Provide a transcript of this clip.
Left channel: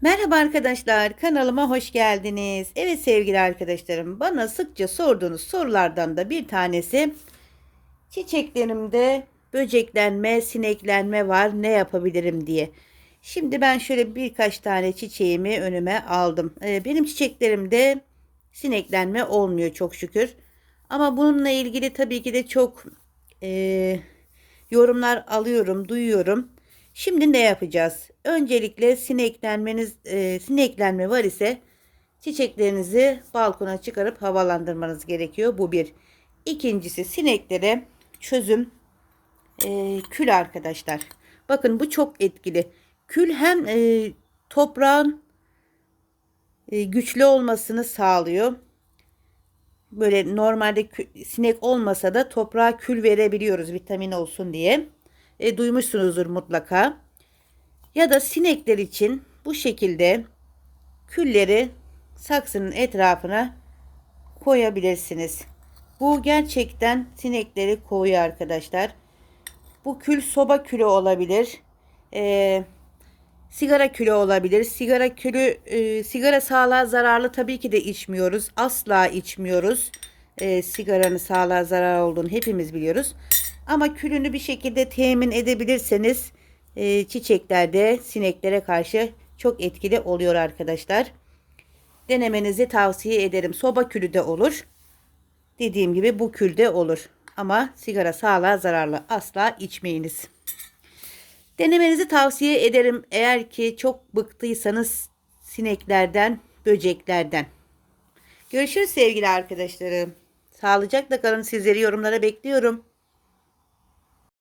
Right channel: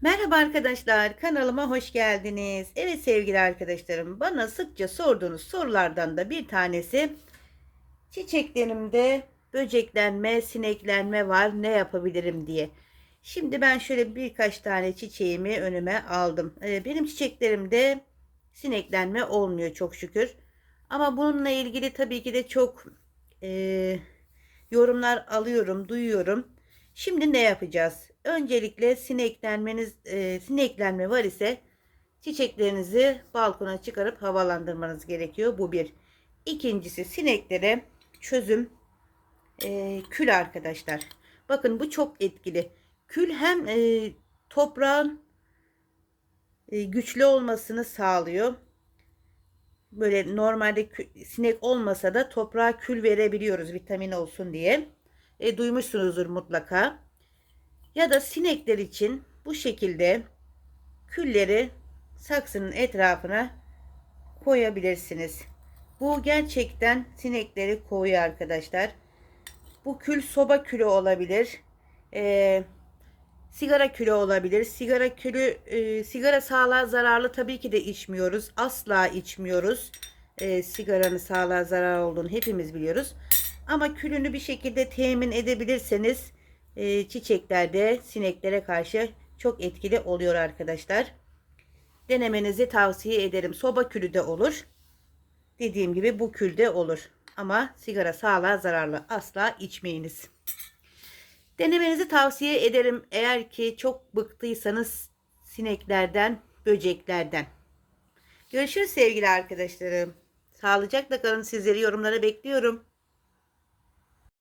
Merhaba arkadaşlar, kanalıma hoş geldiniz. Evet sevgili arkadaşlarım, bana sıkça sorduğunuz sorulardan da bir tanesi çiçeklerimde böceklenme, sineklenme var, ne yapabilirim diye. Şimdi ben şöyle birkaç tane çiçeğimi önüme aldım. Ee, benim çiçeklerimde sineklenme olmuyor çok şükür. Ama bununla ilgili tabii ki de çok e, yorumlar alıyorum, duyuyorum. Şimdi ne yapacağız? Öncelikle sineklenmeniz, e, sineklenme var ise çiçeklerinizi balkona çıkarıp havalandırmanız gerekiyor. Bu bir. İkincisi sineklere çözüm e, kül arkadaşlar. Bakın bu çok etkili. Kül hem e, toprağın e, güçlü olmasını sağlıyor. Böyle normalde kü- sinek olmasa da toprağa kül verebiliyoruz vitamin olsun diye. E, duymuşsunuzdur mutlaka. Ya da sinekler için bu şekilde külleri saksının etrafına koyabilirsiniz. Bu gerçekten sinekleri kovuyor arkadaşlar. Bu kül soba külü olabilir. Ee, sigara külü olabilir. Sigara külü, e, sigara sağlığa zararlı tabii ki de içmiyoruz. Asla içmiyoruz. Ee, sigaranın sağlığa zarar olduğunu hepimiz biliyoruz. Ama külünü bir şekilde temin edebilirseniz e, çiçeklerde sineklere karşı çok etkili oluyor arkadaşlar. Denemenizi tavsiye ederim. Soba külü de olur. Dediğim gibi bu külde olur. Ama sigara sağlığa zararlı. Asla içmeyiniz. Denemenizi tavsiye ederim. Eğer ki çok bıktıysanız sineklerden, böceklerden. Görüşürüz sevgili arkadaşlarım. Sağlıcakla kalın. Sizleri yorumlara bekliyorum.